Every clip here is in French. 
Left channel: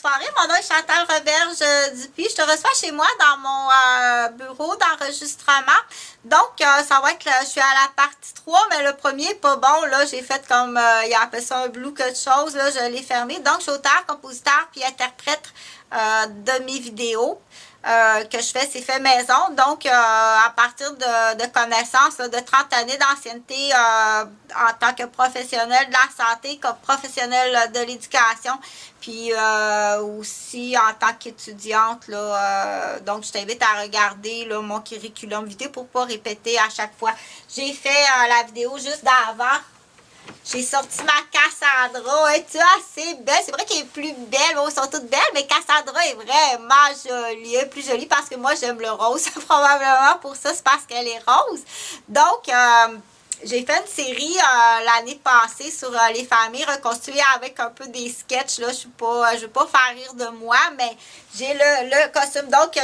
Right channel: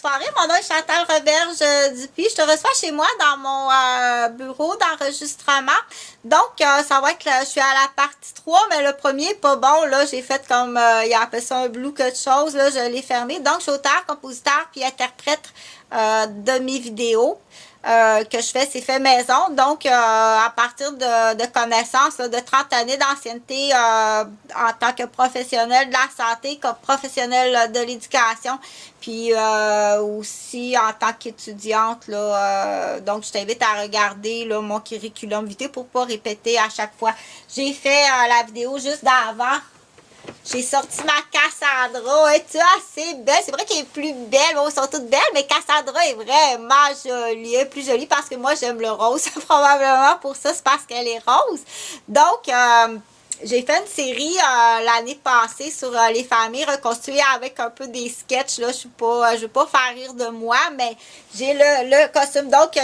soirée. Mon nom est Chantal Roberge Dupuis. Je te reçois chez moi dans mon bureau d'enregistrement. Donc, ça va être, je suis à la partie 3, mais le premier est pas bon. Là, j'ai fait comme, il a appelé ça un blue quelque chose. Là, je l'ai fermé. Donc, je suis auteur, compositeur, puis interprète de mes vidéos. Que je fais, c'est fait maison. Donc, à partir de connaissances, là, de 30 années d'ancienneté en tant que professionnel de la santé, comme professionnel de l'éducation, puis aussi en tant qu'étudiante. Là, donc, je t'invite à regarder là, mon curriculum vitae pour pas répéter à chaque fois. J'ai fait la vidéo juste d'avant. J'ai sorti ma Cassandra. Tu vois, c'est belle. C'est vrai qu'elle est plus belle. Bon, elles sont toutes belles, mais Cassandra est vraiment jolie. Elle est plus jolie parce que moi, j'aime le rose. Probablement pour ça, c'est parce qu'elle est rose. Donc, j'ai fait une série l'année passée sur les familles reconstruites avec un peu des sketchs. Là, je veux pas faire rire de moi, mais j'ai le costume. Donc,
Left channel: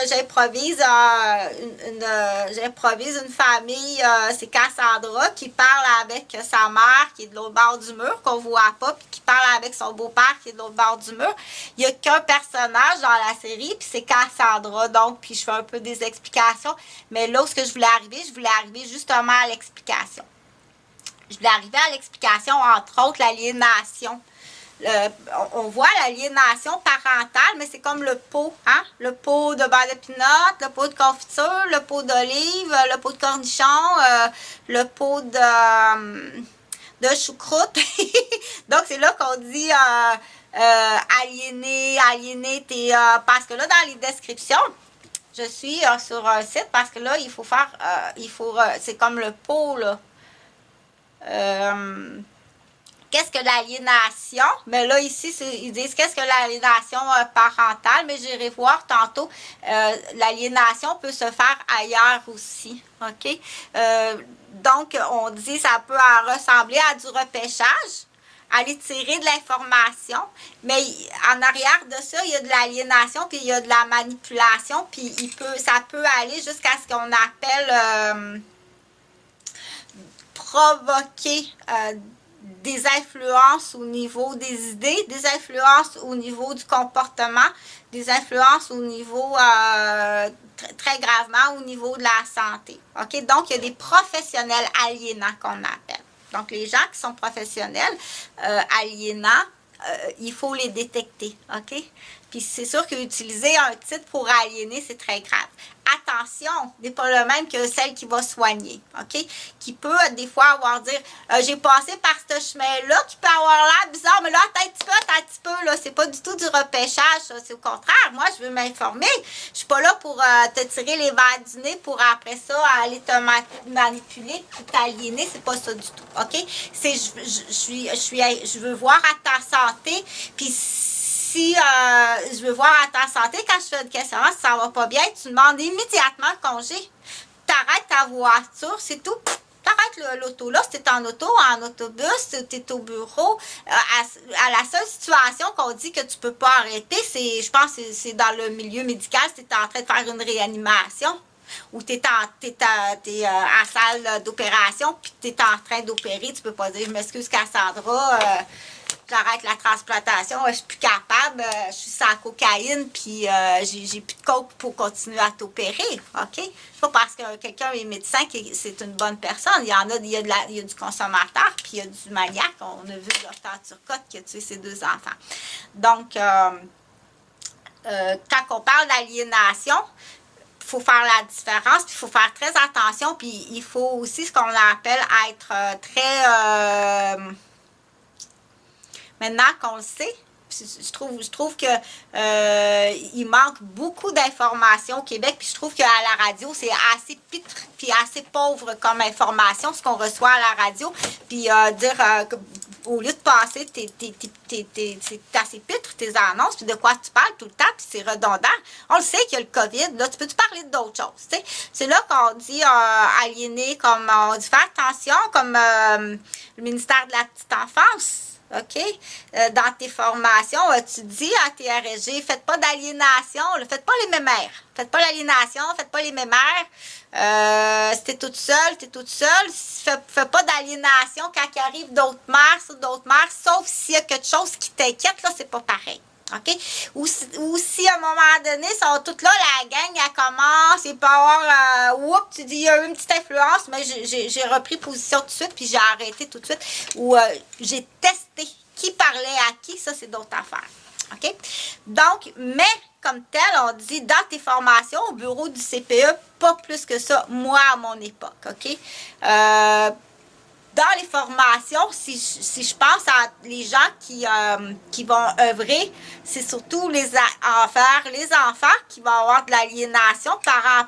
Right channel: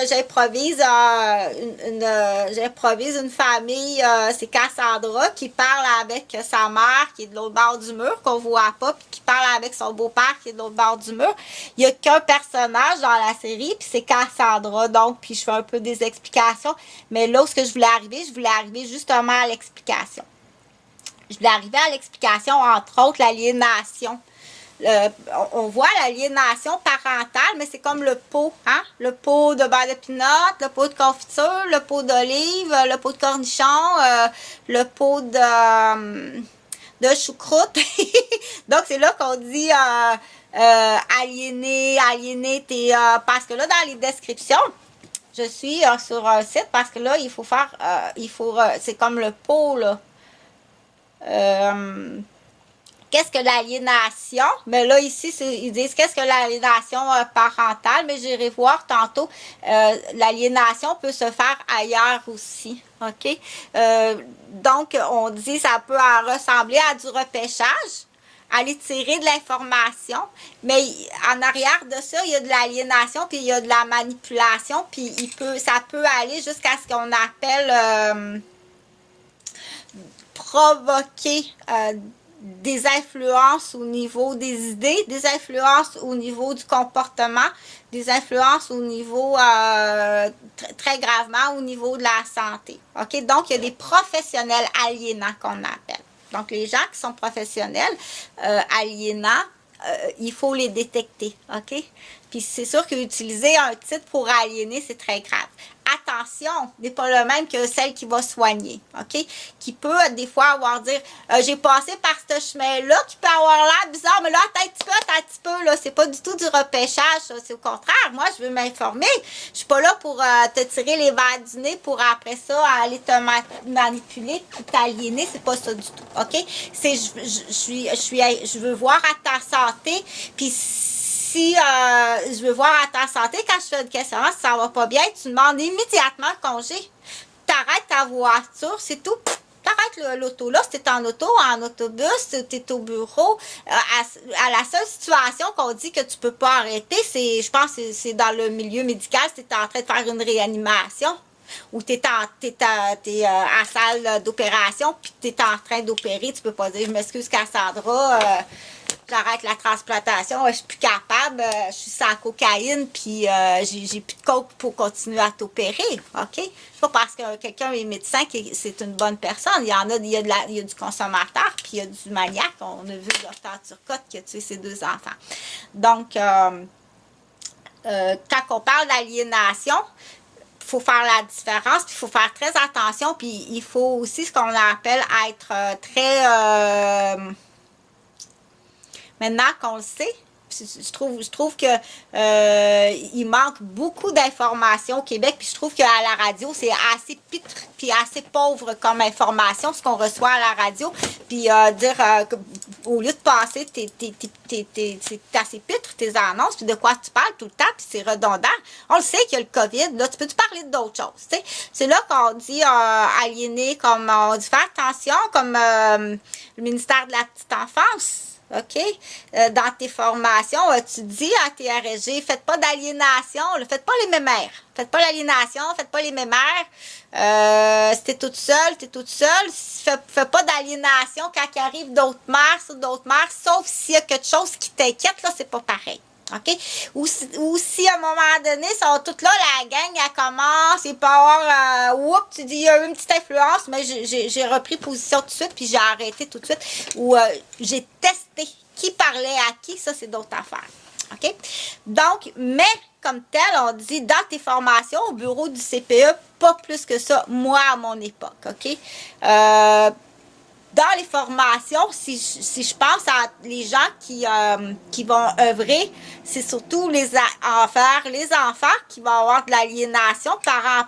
j'improvise une famille. C'est Cassandra qui parle avec sa mère qui est de l'autre bord du mur, qu'on voit pas, puis qui parle avec son beau-père qui est de l'autre bord du mur. Il y a qu'un personnage dans la série, puis c'est Cassandra. Donc, puis je fais un peu des explications. Mais là où je voulais arriver justement à l'explication. Je voulais arriver à l'explication, entre autres, l'aliénation. On voit l'aliénation parentale, mais c'est comme le pot, hein? Le pot de beurre de pinot, le pot de confiture, le pot d'olive, le pot de cornichon, le pot de choucroute. Donc, c'est là qu'on dit aliéné, parce que là, dans les descriptions, je suis sur un site parce que là, il faut faire, c'est comme le pot, là. Qu'est-ce que l'aliénation? Mais là, ici, ils disent qu'est-ce que l'aliénation parentale, mais j'irai voir tantôt. L'aliénation peut se faire ailleurs aussi. OK? Donc, on dit ça peut ressembler à du repêchage, aller tirer de l'information, mais en arrière de ça, il y a de l'aliénation, puis il y a de la manipulation, puis ça peut aller jusqu'à ce qu'on appelle provoquer des influences au niveau des idées, des influences au niveau du comportement, des influences au niveau, très gravement, au niveau de la santé. OK? Donc, il y a des professionnels aliénants qu'on appelle. Donc, les gens qui sont professionnels aliénants, il faut les détecter. OK? Puis, c'est sûr qu'utiliser un titre pour aliéner, c'est très grave. Attention, n'est pas le même que celle qui va soigner, OK? Qui peut, des fois, dire, j'ai passé par ce chemin-là, qui peut avoir l'air bizarre, mais là, attends un petit peu, là, c'est pas du tout du repêchage, c'est au contraire. Moi, je veux m'informer. Je suis pas là pour te tirer les verres du nez pour après ça aller te manipuler puis t'aliéner, c'est pas ça du tout, OK? Je veux voir à ta santé, puis si je veux voir à ta santé, quand je fais une questionnaire, si ça va pas bien, tu demandes immédiatement le congé. T'arrêtes ta voiture, c'est tout. T'arrêtes l'auto là, si t'es en auto, en autobus, si t'es au bureau. À la seule situation qu'on dit que tu peux pas arrêter, je pense que c'est dans le milieu médical, si t'es en train de faire une réanimation. Ou t'es à salle d'opération, puis t'es en train d'opérer, tu peux pas dire, je m'excuse Cassandra, j'arrête la transplantation, je suis plus capable, je suis sans cocaïne, puis j'ai plus de coke pour continuer à t'opérer, OK? C'est pas parce que quelqu'un est médecin que c'est une bonne personne. Il y a du consommateur, puis il y a du maniaque. On a vu le docteur Turcotte qui a tué ses 2 enfants. Donc, quand on parle d'aliénation, il faut faire la différence, puis il faut faire très attention, puis il faut aussi ce qu'on appelle être très... maintenant qu'on le sait, je trouve que il manque beaucoup d'informations au Québec, puis je trouve qu'à la radio, c'est assez pitre puis assez pauvre comme information, ce qu'on reçoit à la radio, puis au lieu de passer c'est assez pitre tes annonces, puis de quoi tu parles tout le temps, puis c'est redondant. On le sait qu'il y a le COVID, là, tu peux-tu parler d'autres choses, tu sais? C'est là qu'on dit aliéner, comme on dit faire attention, comme le ministère de la petite enfance. OK? Dans tes formations, tu dis à tes RSG, faites pas d'aliénation, faites pas les mémères. Faites pas l'aliénation, faites pas les mémères. Si t'es toute seule, fais pas d'aliénation quand il arrive d'autres mères, sauf s'il y a quelque chose qui t'inquiète, là, c'est pas pareil. OK? Ou si à un moment donné, ils sont toutes là, la gang, elle commence, il peut y avoir, oups, tu dis, il y a eu une petite influence, mais j'ai repris position tout de suite, puis j'ai arrêté tout de suite. Ou j'ai testé qui parlait à qui, ça, c'est d'autres affaires. OK? Donc, mais comme tel, on dit dans tes formations au bureau du CPE, pas plus que ça, moi, à mon époque. OK? Dans les formations, si je pense à les gens qui vont œuvrer, c'est surtout les enfants qui vont avoir de l'aliénation parents,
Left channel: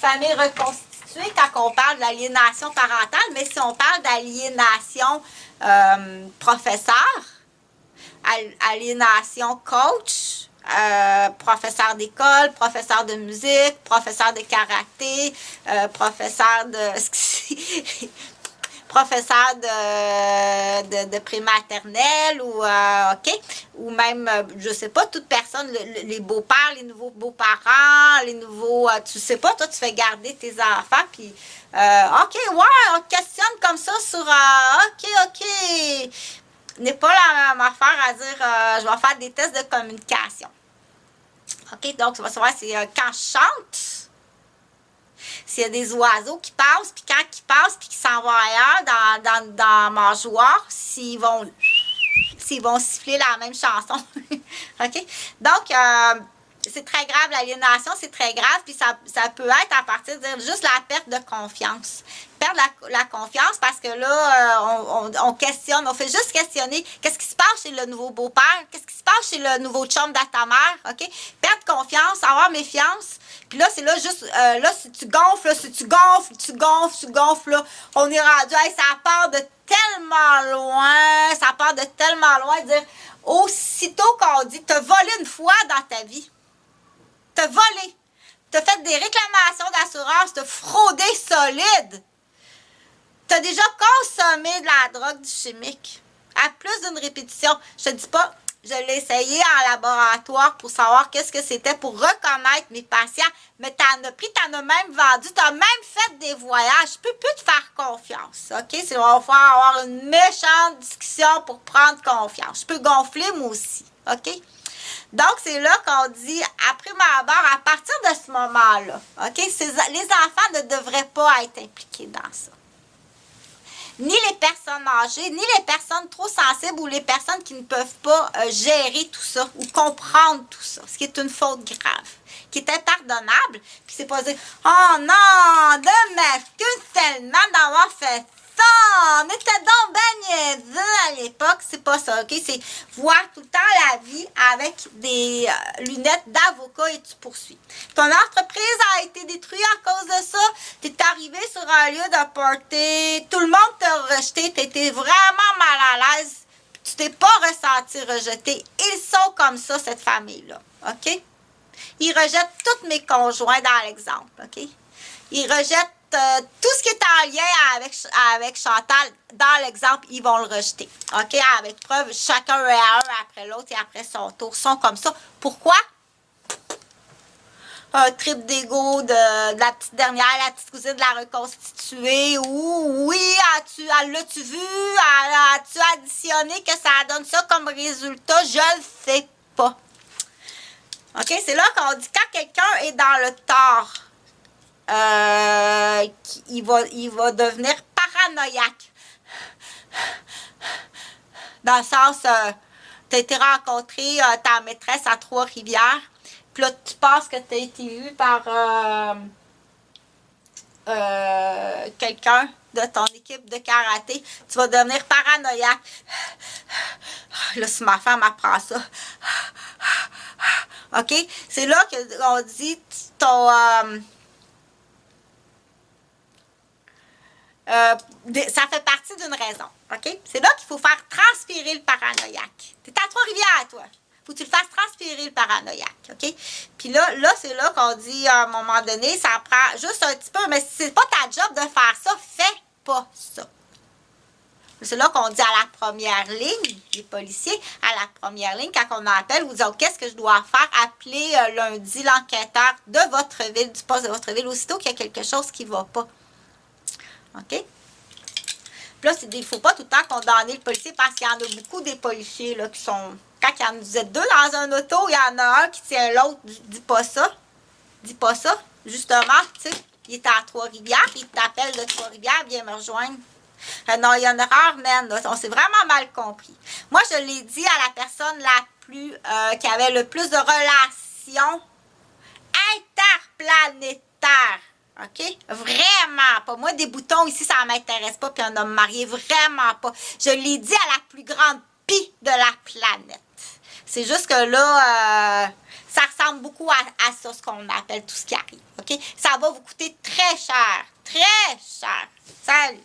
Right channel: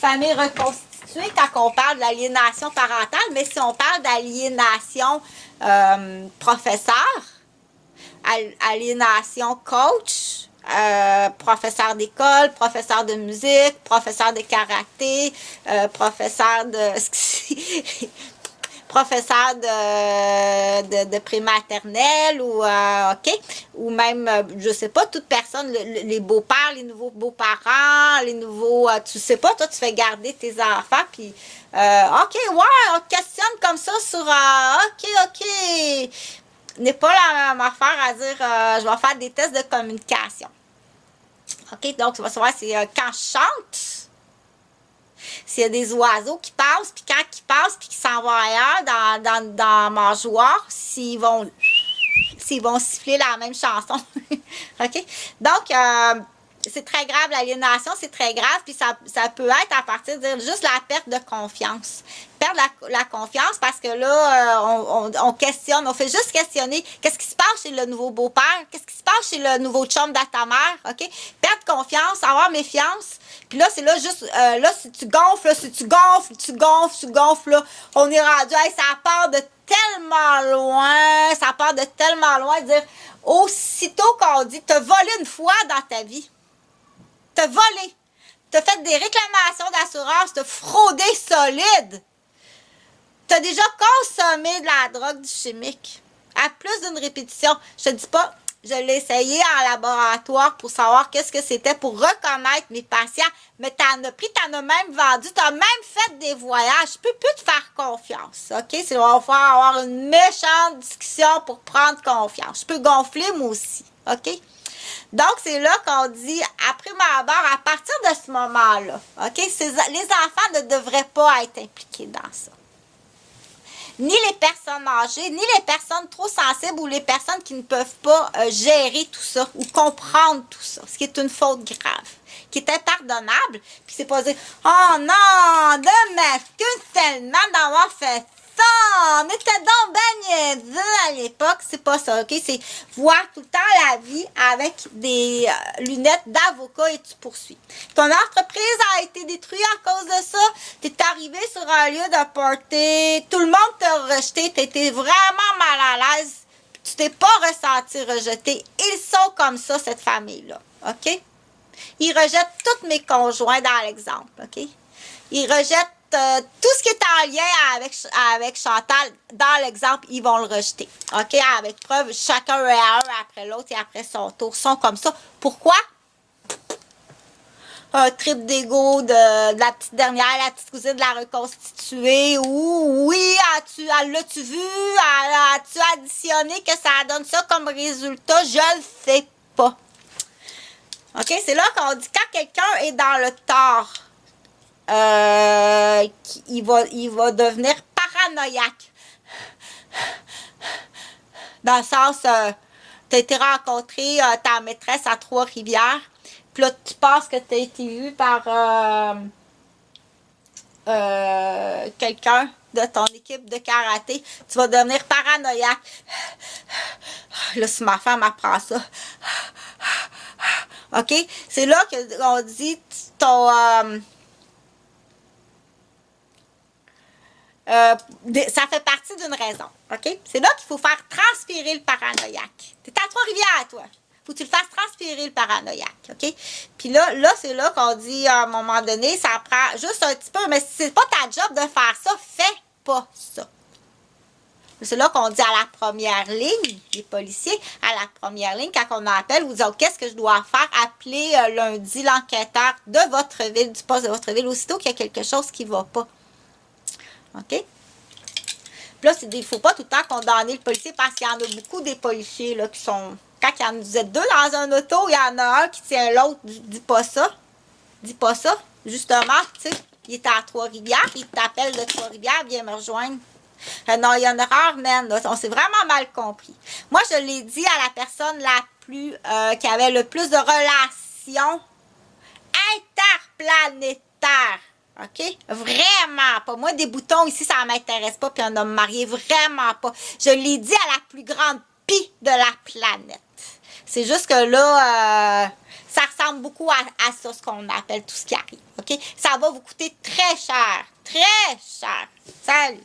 famille reconstituée quand on parle d'aliénation parentale, mais si on parle d'aliénation professeur, aliénation coach, professeur d'école, professeur de musique, professeur de karaté, professeur de professeur de prématernelle ou OK, ou même je sais pas, toute personne, les beaux-pères, les nouveaux beaux-parents, les nouveaux tu sais pas, toi tu fais garder tes enfants puis OK, ouais, on questionne comme ça sur OK, n'est pas la même affaire à dire je vais faire des tests de communication. OK, donc tu vas savoir c'est quand je chante, s'il y a des oiseaux qui passent, puis quand ils passent, puis qu'ils s'en vont ailleurs dans ma joie, s'ils vont siffler la même chanson. OK? Donc, c'est très grave, l'aliénation, c'est très grave, puis ça peut être à partir de dire juste la perte de confiance. Perdre la confiance parce que là, on questionne, on fait juste questionner qu'est-ce qui se passe chez le nouveau beau-père, qu'est-ce qui se passe chez le nouveau chum de ta mère, OK? Perdre confiance, avoir méfiance, puis là, c'est là juste, là, si tu gonfles, là, on est rendu, hey, ça part de tellement loin, dire, aussitôt qu'on dit, t'as volé une fois dans ta vie, t'as volé, t'as fait des réclamations d'assurance, t'as fraudé solide, t'as déjà consommé de la drogue, du chimique, à plus d'une répétition. Je te dis pas, je l'ai essayé en laboratoire pour savoir qu'est-ce que c'était, pour reconnaître mes patients, mais t'en as pris, t'en as même vendu, t'as même fait des voyages, je peux plus te faire confiance, OK? On va faire avoir une méchante discussion pour prendre confiance. Je peux gonfler, moi aussi, OK? Donc, c'est là qu'on dit, après ma barre, à partir de ce moment-là, OK, les enfants ne devraient pas être impliqués dans ça. Ni les personnes âgées, ni les personnes trop sensibles ou les personnes qui ne peuvent pas gérer tout ça ou comprendre tout ça, ce qui est une faute grave, qui est impardonnable. Puis c'est pas dire, oh non, de m'excuse tellement d'avoir fait ça, on était donc ben niaiseux à l'époque, c'est pas ça, OK? C'est voir tout le temps la vie avec des lunettes d'avocat et tu poursuis. Ton entreprise a été détruite à cause de ça, t'es arrivé sur un lieu de party, tout le monde t'a rejeté, t'étais vraiment mal à l'aise, tu t'es pas ressenti rejeté. Ils sont comme ça, cette famille-là, OK? Ils rejettent tous mes conjoints dans l'exemple, OK? Ils rejettent tout ce qui est en lien avec Chantal, dans l'exemple, ils vont le rejeter. OK? Avec preuve, chacun un après l'autre et après son tour sont comme ça. Pourquoi? Un trip d'ego de la petite dernière, la petite cousine de la reconstituée. Ou oui, l'as-tu vu? As-tu additionné que ça donne ça comme résultat? Je le sais pas. OK? C'est là qu'on dit quand quelqu'un est dans le tort, il va devenir paranoïaque. Dans le sens, tu as été rencontrer ta maîtresse à Trois-Rivières, puis là, tu penses que tu as été vu par quelqu'un de ton équipe de karaté, tu vas devenir paranoïaque. Là, si ma femme apprend ça. OK? C'est là qu'on dit ton... ça fait partie d'une raison, OK? C'est là qu'il faut faire transpirer le paranoïaque. T'es à Trois-Rivières, toi. Faut que tu le fasses transpirer, le paranoïaque, OK? Puis là c'est là qu'on dit, à un moment donné, ça prend juste un petit peu, mais si c'est pas ta job de faire ça, fais pas ça. C'est là qu'on dit à la première ligne, les policiers, à la première ligne, quand on appelle, vous dites, qu'est-ce que je dois faire? Appelez lundi l'enquêteur de votre ville, du poste de votre ville, aussitôt qu'il y a quelque chose qui va pas. OK? Puis là, il ne faut pas tout le temps condamner le policier parce qu'il y en a beaucoup des policiers là, qui sont quand vous êtes deux dans un auto, il y en a un qui tient l'autre, dis pas ça. Dis pas ça. Justement, tu sais, il est à Trois-Rivières, il t'appelle de Trois-Rivières, viens me rejoindre. Non, il y a une erreur, man. Là. On s'est vraiment mal compris. Moi, je l'ai dit à la personne qui avait le plus de relations interplanétaires. OK? Vraiment pas. Moi, des boutons ici, ça m'intéresse pas, puis un homme marié, vraiment pas. Je l'ai dit à la plus grande pie de la planète. C'est juste que là, ça ressemble beaucoup à ça, ce qu'on appelle tout ce qui arrive. OK? Ça va vous coûter très cher. Très cher. Salut!